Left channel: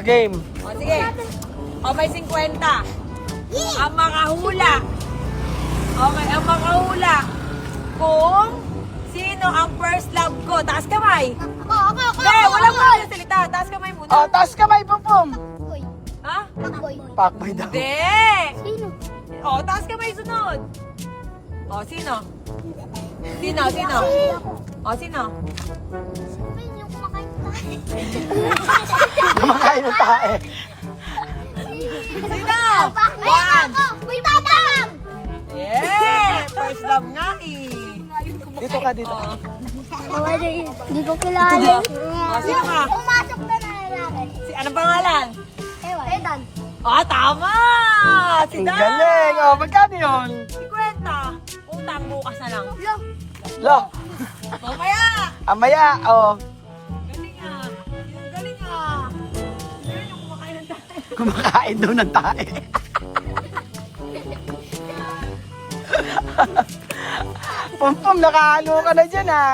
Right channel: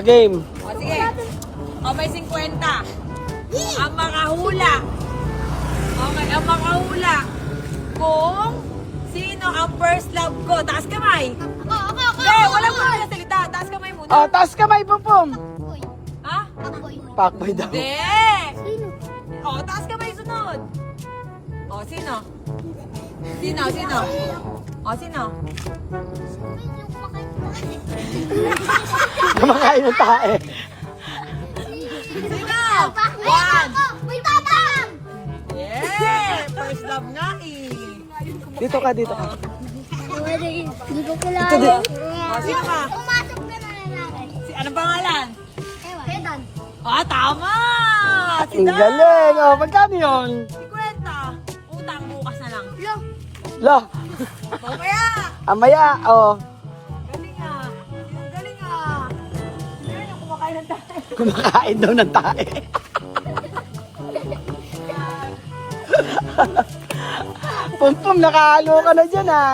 game. O, sige. O, may 50. Ang makahula. Okay, ang makahula. Kung sino ang first love ko. Taas kamay. Ako. Hindi, wala mo na salita. Taas kamay muna. Taas kamay, Pompom. Boy. Ha? Boy. Pakboy daw. Hindi. Sino? O, taas kamay sunod. O, sino? Sino? O, sino? Yung kumakain tayo. Kumakain ng tae. Sino? Ayan ako! May tatang! Yeah! First love nga eh. Dito ka, dito. Hindi ko kilala. O, sino ka? Pumasok ka na natin. Anong pangalan? Edan. Ah, tama! Si Ang Dan! galing. Oh, magkano yun? 50. Utang bukas na lang. Lo. Mamaya! Amaya. Oh. Galing ah. Yung galing ah. Galing yung kumakain ng tayo. Kumakain daw ng tae. Pompom, nakahalo ka na dyan ah.